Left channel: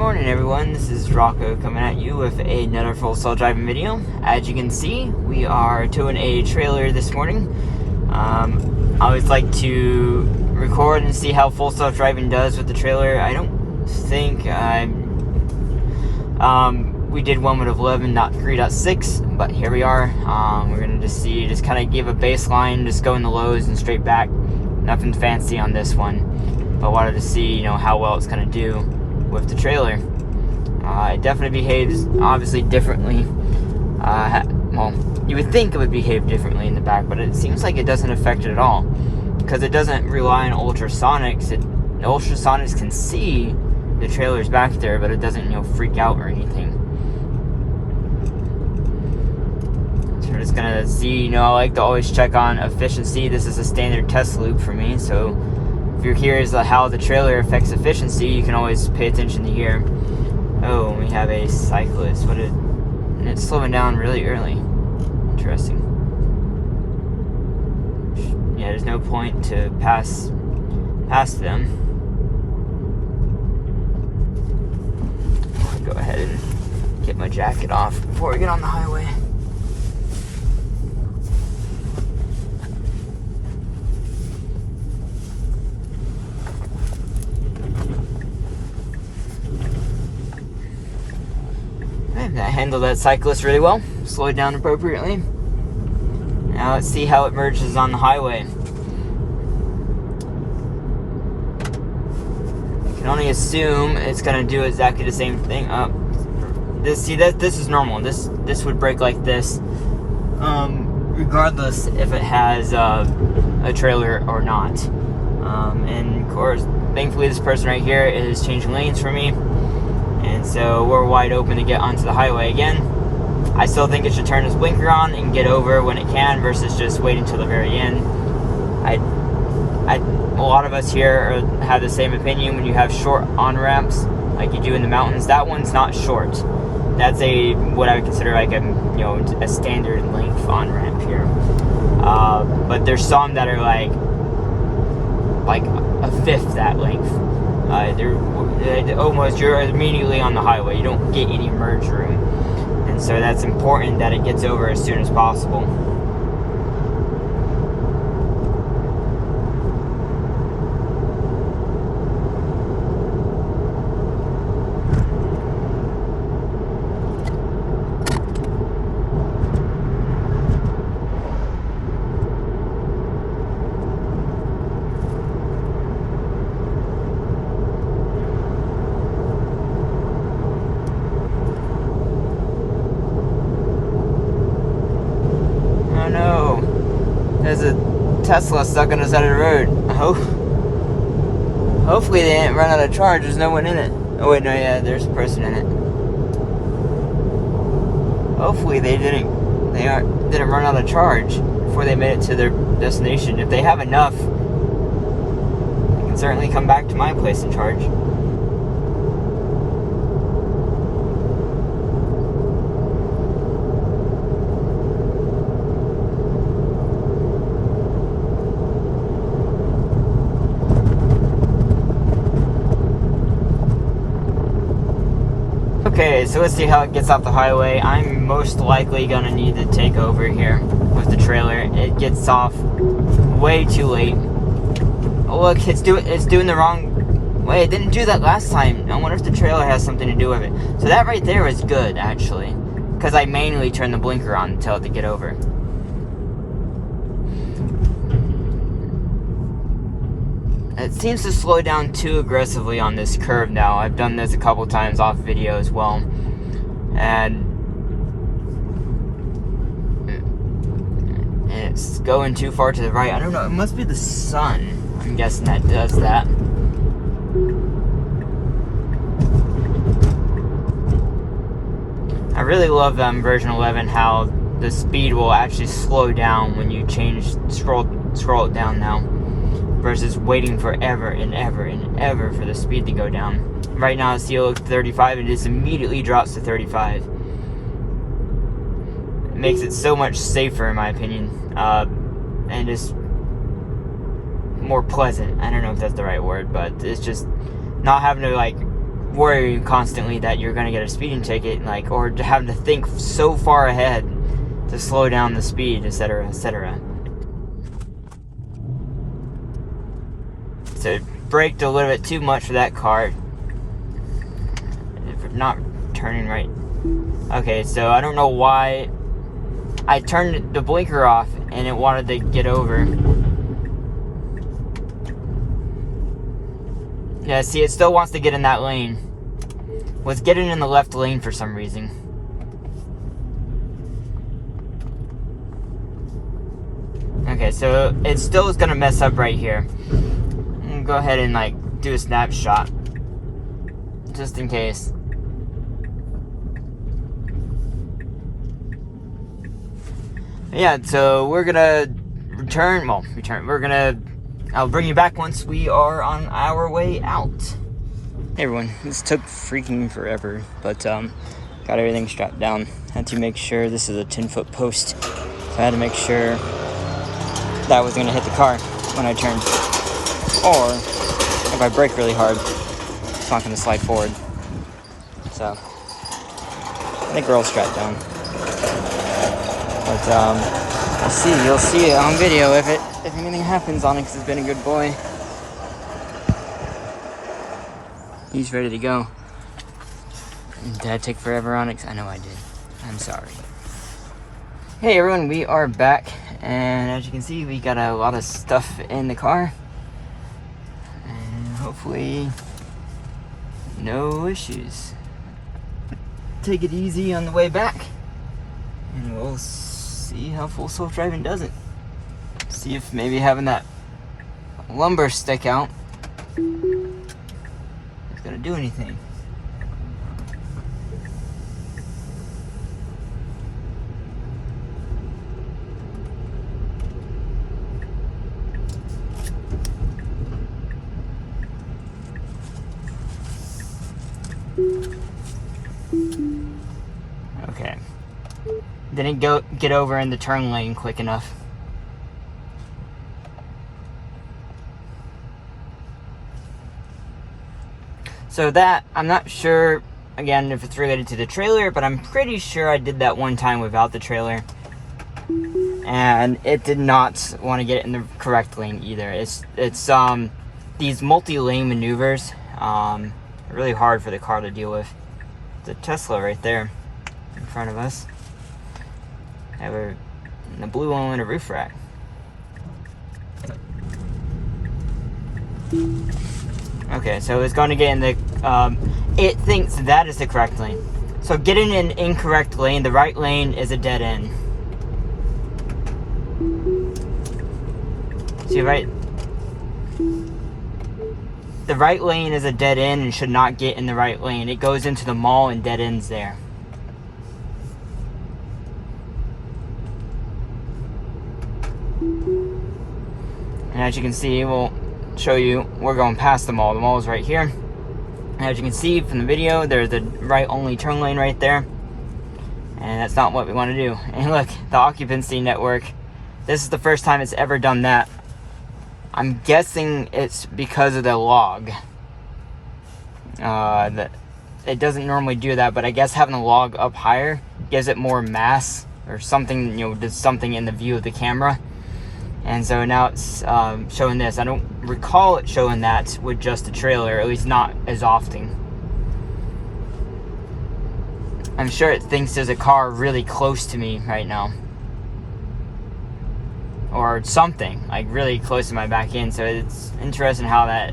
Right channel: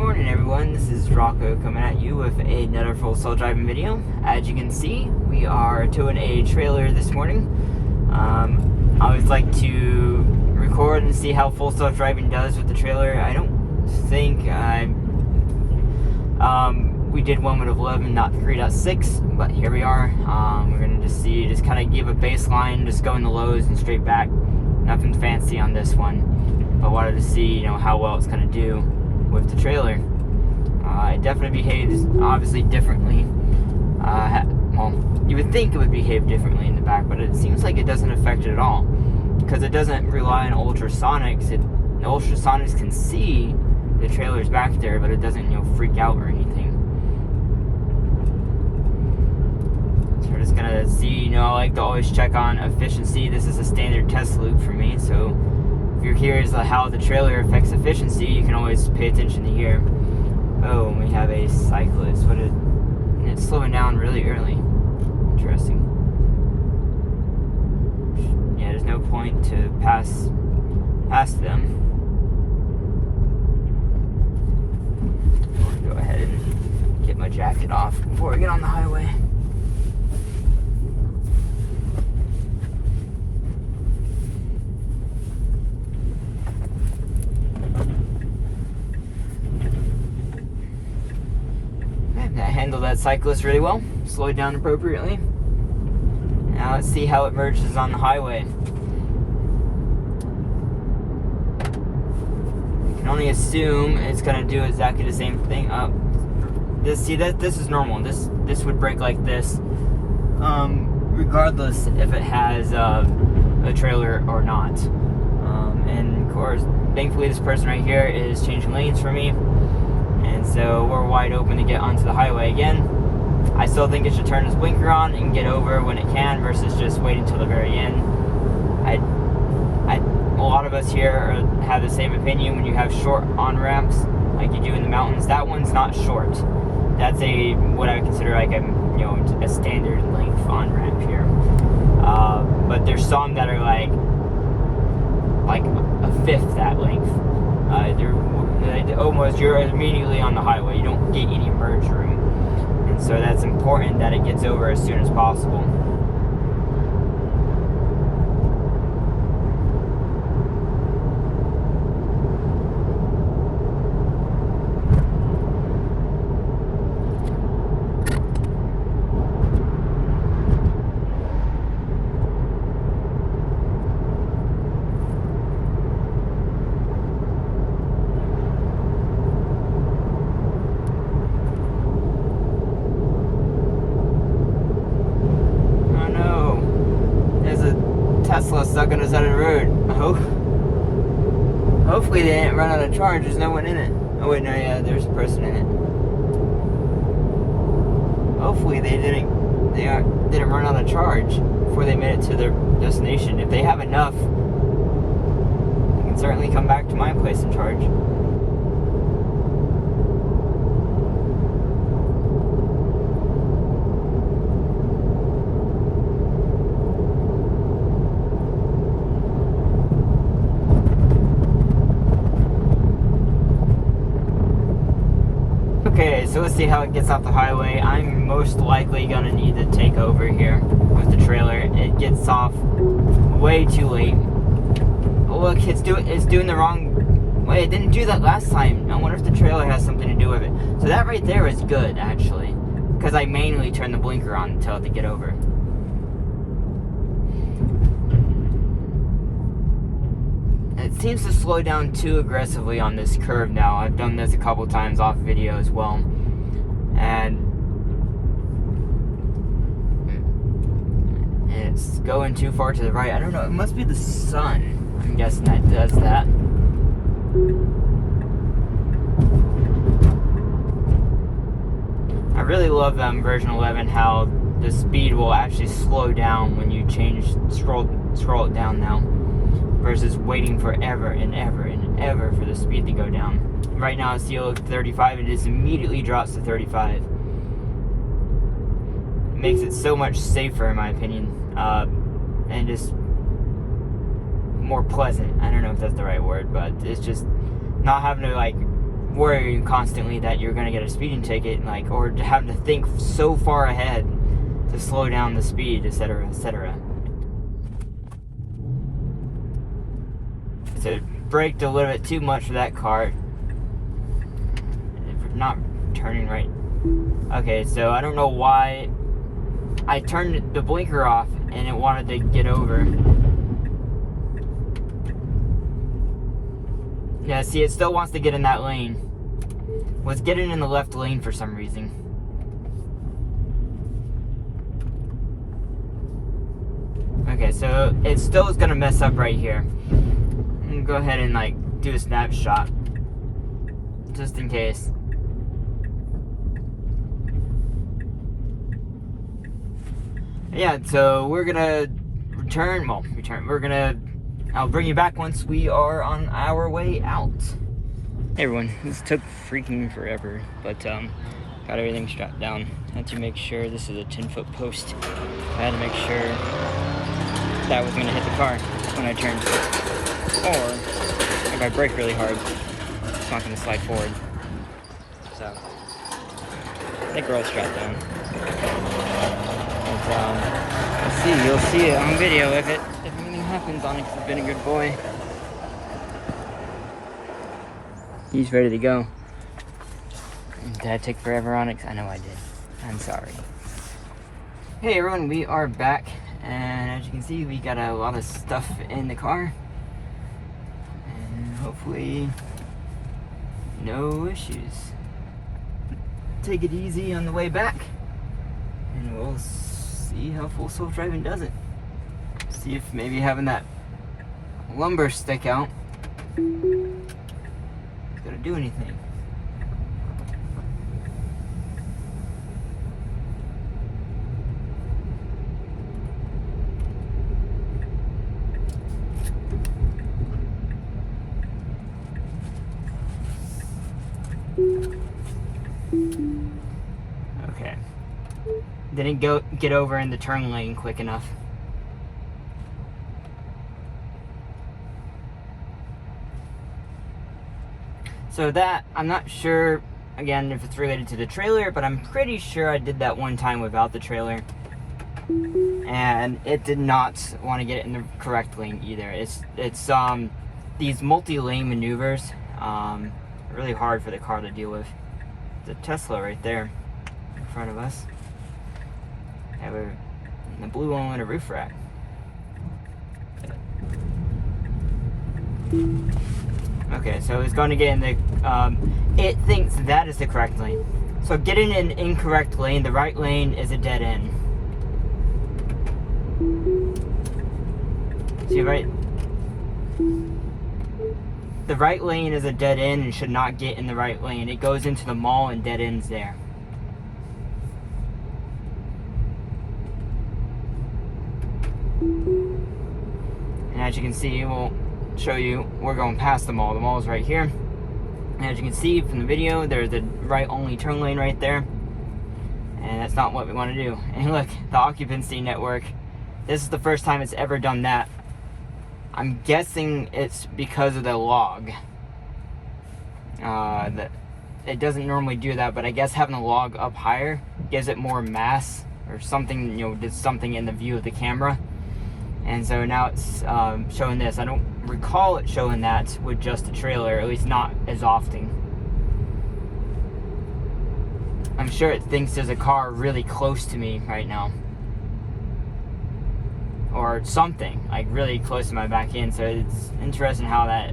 morning everyone, this is Rocco coming at you with another full self-driving video. As you can see, we are towing a trailer this morning. I always like to record and see how full self-driving does with the trailer. I don't think we did one with 11.3.6, but here we are. We're gonna just kind of give a baseline, just go in the lows and straight back. Nothing fancy on this one. I wanted to see, how well it's gonna do with the trailer. It definitely behaves obviously differently. Well, you would think it would behave differently in the back, but it seems like it doesn't affect it at all because it doesn't rely on ultrasonics. The ultrasonics can see the trailer's back there, but it doesn't, freak out or anything. So we're just gonna see. I like to always check on efficiency. This is a standard test loop for me, so if you're curious about how the trailer affects efficiency, you can always pay attention to here. Oh, we have a cyclist. It's slowing down really early. Interesting. Yeah, there's no point to pass them. Go ahead and get my jacket off before we get on the highway. Handled that cyclist really well, slowed down appropriately. Now let's see how it merges on the highway. You can only assume it's gonna do exactly the same thing. This is normal. This would brake like this, regardless if it has a trailer or not. And of course, thankfully, this person right here is changing lanes for me. And so we're wide open to get onto the highway again. I still think it should turn its blinker on and get over when it can versus just waiting till the very end. A lot of us here have the same opinion. When you have short on-ramps like you do in the mountains, that one's not short. That's what I would consider like a standard length on-ramp here. But there's some that are like a fifth that length. You're immediately on the highway. You don't get any merge room, and so that's important that it gets over as soon as possible. Tesla stuck on the side of the road. Hopefully they didn't run out of charge. There's no one in it. Oh wait, no, yeah, there's a person in it. Hopefully they didn't run out of charge before they made it to their destination. If they have enough, they can certainly come back to my place and charge. Okay, so let's see how it gets off the highway. I'm most likely gonna need to take over here with the trailer. It gets off way too late. Oh, look, it's doing the wrong way. It didn't do that last time. I wonder if the trailer has something to do with it. So that right there is good, actually, because I manually turned the blinker on to tell it to get over. It seems to slow down too aggressively on this curve now. I've done this a couple times off video as well. And it's going too far to the right. I don't know, it must be the sun. I'm guessing that does that. I really love version 11, how the speed will actually slow down when you scroll it down now, versus waiting forever and ever and ever for the speed to go down. Right now it's still 35 and it just immediately drops to 35. It makes it so much safer in my opinion, and just more pleasant. I don't know if that's the right word, but it's just not having to worrying constantly that you're going to get a speeding ticket, like, or to have to think so far ahead to slow down the speed, etc., etc. So braked a little bit too much for that car. Not turning right. Okay, so I don't know why I turned the blinker off and it wanted to get over. Yeah, see, it still wants to get in that lane. Was getting in the left lane for some reason. Okay, so it still is gonna mess up right here. I'm gonna go ahead and like do a snapshot, just in case. Yeah, so we're gonna return. I'll bring you back once we are on our way out. Hey everyone, this took freaking forever, but got everything strapped down. Had to make sure this is a 10-foot post. So I had to make sure that was gonna hit the car when I turned. Or if I brake really hard, it's not gonna slide forward. So I think we're all strapped down. But we'll see. You'll see it on video if anything happens on it, because it's been a good boy. He's ready to go. Did I take forever on it? I know I did. I'm sorry. Hey everyone, we are back, and as you can see, we got a lot of stuff in the car, and hopefully no issues. Take it easy on the way back, and we'll see how full self-driving does it. See if maybe having that lumbar stick out is gonna do anything. Okay. Didn't get over in the turn lane quick enough. So that, I'm not sure, again, if it's related to the trailer, but I'm pretty sure I did that one time without the trailer. And it did not want to get in the correct lane either. It's these multi-lane maneuvers, really hard for the car to deal with. It's a Tesla right there in front of us. And the blue one with a roof rack. Okay, so it's going to get in the, it thinks that is the correct lane. So getting in an incorrect lane, the right lane is a dead end. See, right? The right lane is a dead end and should not get in the right lane. It goes into the mall and dead ends there. And as you can see, we'll show you, we're going past the mall. The mall is right here. And as you can see from the video, there's the right only turn lane right there. And that's not what we want to do. And look, the occupancy network. This is the first time it's ever done that. I'm guessing it's because of the log. That it doesn't normally do that, but I guess having the log up higher gives it more mass or something, you know, does something in the view of the camera. And so now it's showing this. I don't recall it showing that with just the trailer, at least not as often. I'm sure it thinks there's a car really close to me right now. Or something, like really close to my back end. So it's interesting how that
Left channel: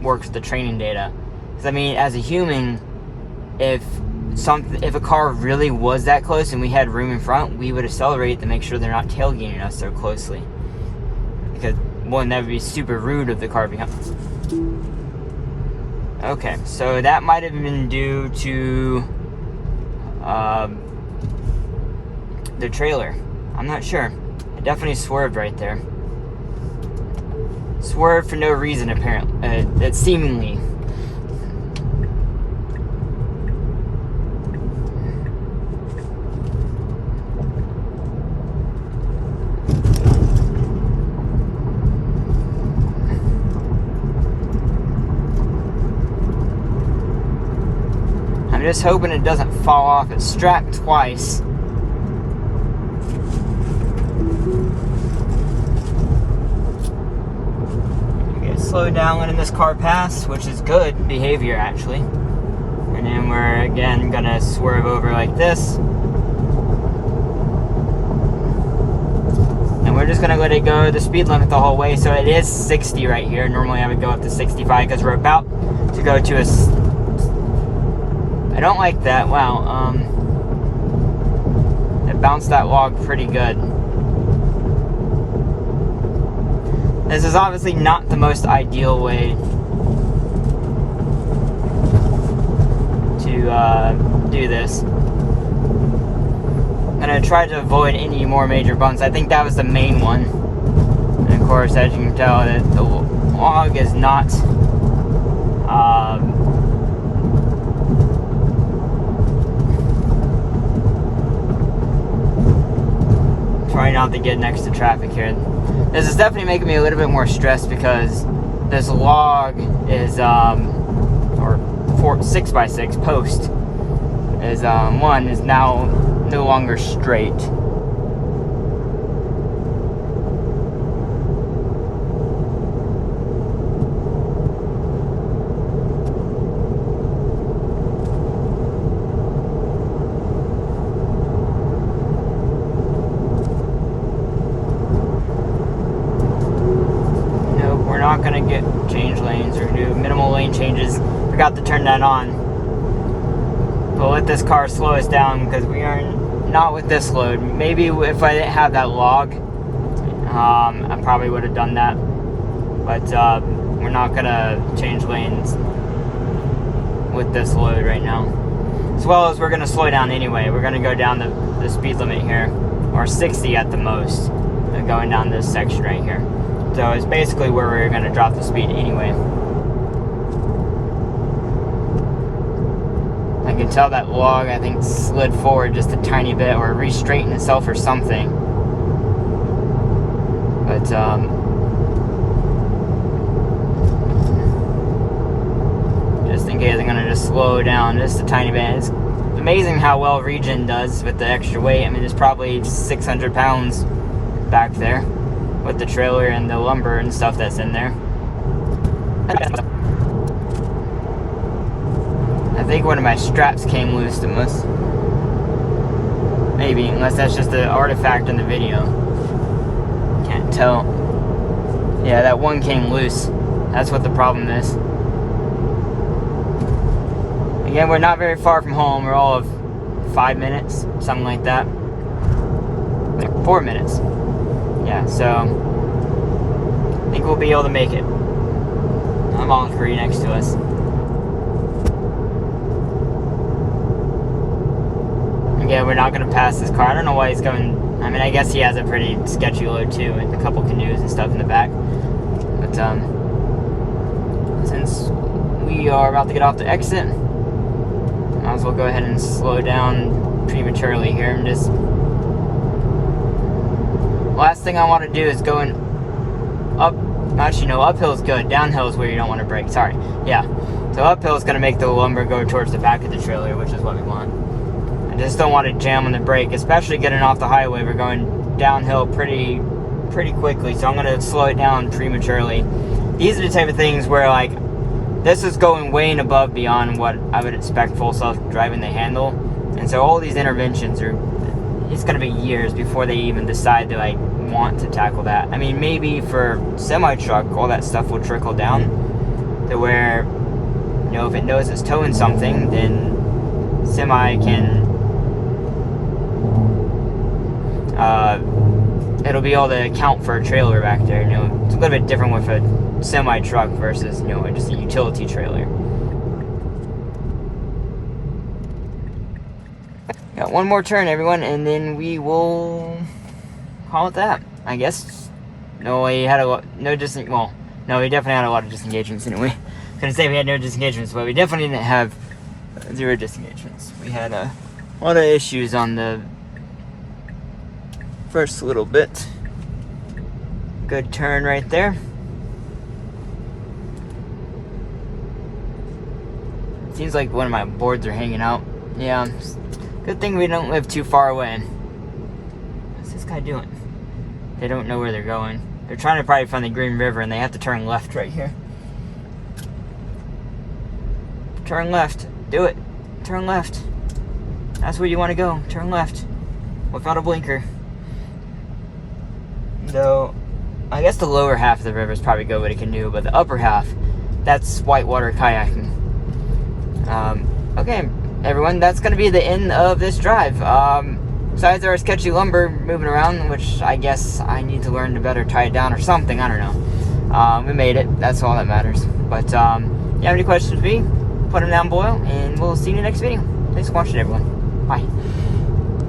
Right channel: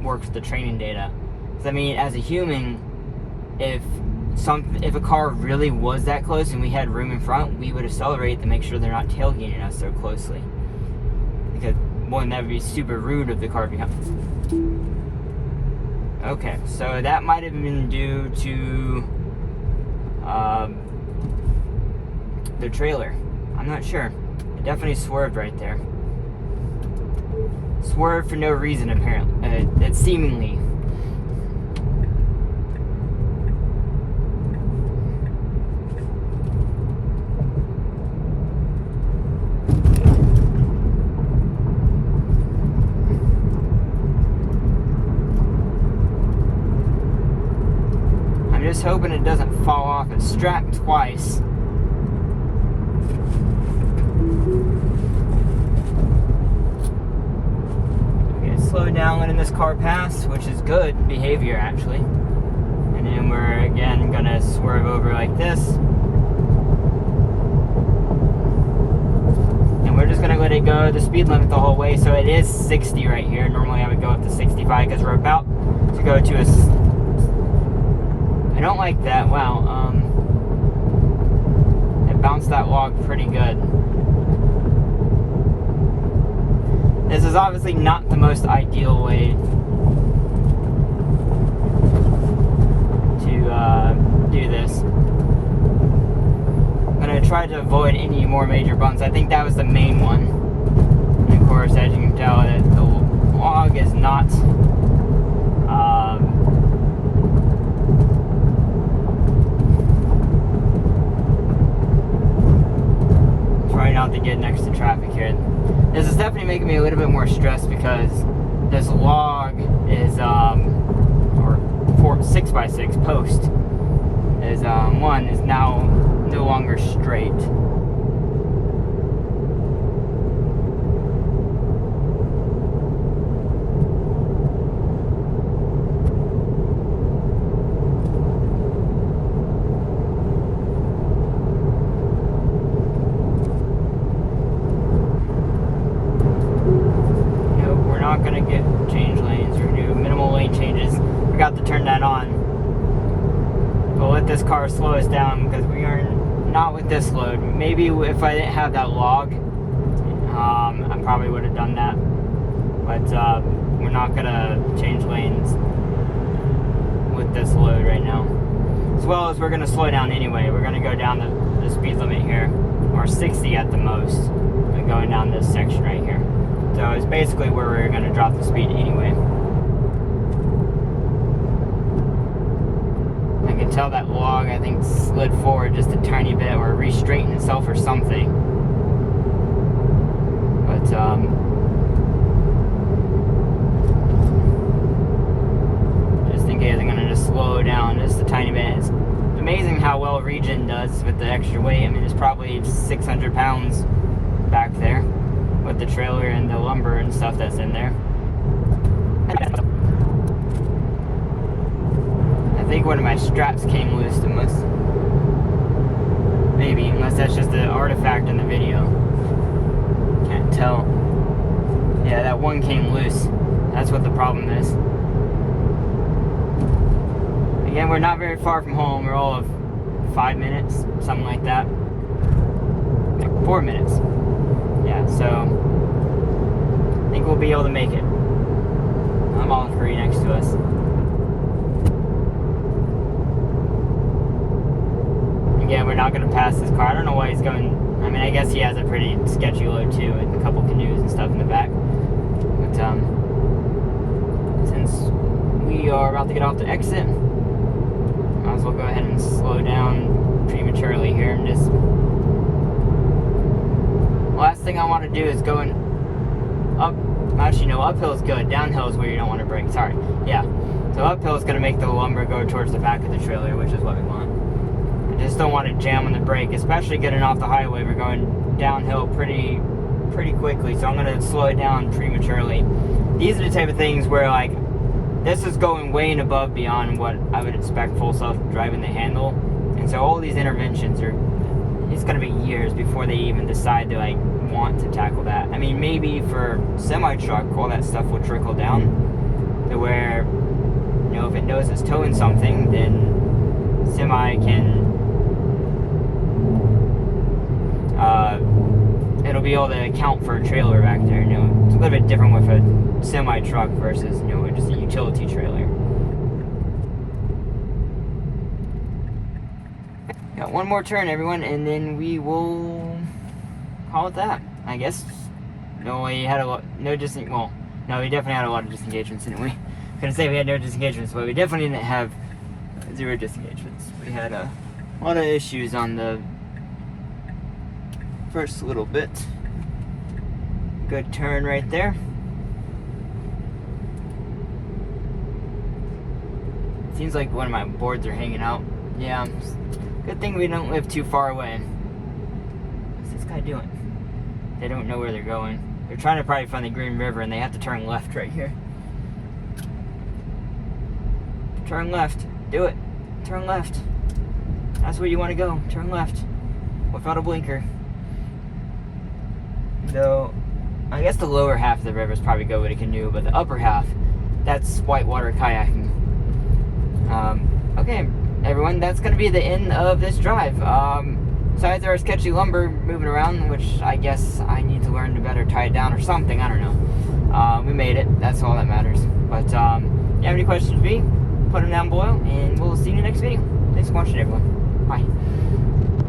works with the training data. Because I mean, as a human, if a car really was that close and we had room in front, we would accelerate to make sure they're not tailgating us so closely. Because, one, that would be super rude of the car becomes. Okay, so that might have been due to the trailer. I'm not sure. It definitely swerved right there. Swerved for no reason, apparently. It seemingly. just hoping it doesn't fall off. It's strapped twice. Slow down letting this car pass, which is good behavior actually. And then we're again gonna swerve over like this. And we're just gonna let it go the speed limit the whole way. So it is 60 right here. Normally I would go up to 65 because we're about to go to a... I don't like that. Wow. It bounced that log pretty good. This is obviously not the most ideal way to do this. I'm going to try to avoid any more major bumps. I think that was the main one. And of course, as you can tell, that the log is not try not to get next to traffic here. This is definitely making me a little bit more stressed because this log is, or 6x6 post is, one is now no longer straight. Forgot to turn that on. We'll let this car slow us down because we are not with this load. Maybe if I didn't have that log, I probably would have done that. But we're not gonna change lanes with this load right now. As well as we're gonna slow down anyway. We're gonna go down the speed limit here, or 60 at the most, going down this section right here. So it's basically where we're gonna drop the speed anyway. I can tell that log, I think, slid forward just a tiny bit or re-straightened itself or something. But, just in case, I'm going to just slow down just a tiny bit. It's amazing how well Regen does with the extra weight. I mean, it's probably 600 pounds back there with the trailer and the lumber and stuff that's in there. I think one of my straps came loose, unless, maybe, unless that's just an artifact in the video. Can't tell. Yeah, that one came loose. That's what the problem is. Again, we're not very far from home. We're all of 5 minutes, something like that. Like 4 minutes. Yeah, so I think we'll be able to make it. I'm all free next to us. Again, we're not going to pass this car. I don't know why he's going. I mean, I guess he has a pretty sketchy load too, with a couple canoes and stuff in the back. But since we are about to get off the exit, might as well go ahead and slow down prematurely here. And just last thing I want to do is go in up. Actually, no, uphill is good. Downhill is where you don't want to brake. Sorry. Yeah. So uphill is going to make the lumber go towards the back of the trailer, which is what we want. I just don't want to jam on the brake, especially getting off the highway. We're going downhill pretty quickly, so I'm going to slow it down prematurely. These are the type of things where, like, this is going way and above beyond what I would expect full self-driving to handle. And so all these interventions are, it's going to be years before they even decide to, like, want to tackle that. I mean, maybe for semi-truck, all that stuff will trickle down to where, you know, if it knows it's towing something, then semi can, it'll be able to account for a trailer back there. You know, it's a little bit different with a semi-truck versus, you know, just a utility trailer. Got one more turn, everyone, and then we will call it that, I guess. No, he had a lot, no, he definitely had a lot of disengagements anyway. Couldn't say we had no disengagements, but we definitely didn't have 0 disengagements. We had a lot of issues on the first little bit. Good turn right there. Seems like one of my boards are hanging out. Yeah, good thing we don't live too far away. What's this guy doing? They don't know where they're going. They're trying to probably find the Green River, and they have to turn left right here. Turn left. Do it. Turn left. That's where you want to go. Turn left. Without a blinker. Though, I guess the lower half of the river is probably good with a canoe, but the upper half, that's whitewater kayaking. Okay, everyone, that's going to be the end of this drive. Besides our sketchy lumber moving around, which I guess I need to learn to better tie it down or something, I don't know. We made it, that's all that matters. But, if you have any questions for me, put them down below, and we'll see you in the next video. Thanks for watching, everyone. Bye.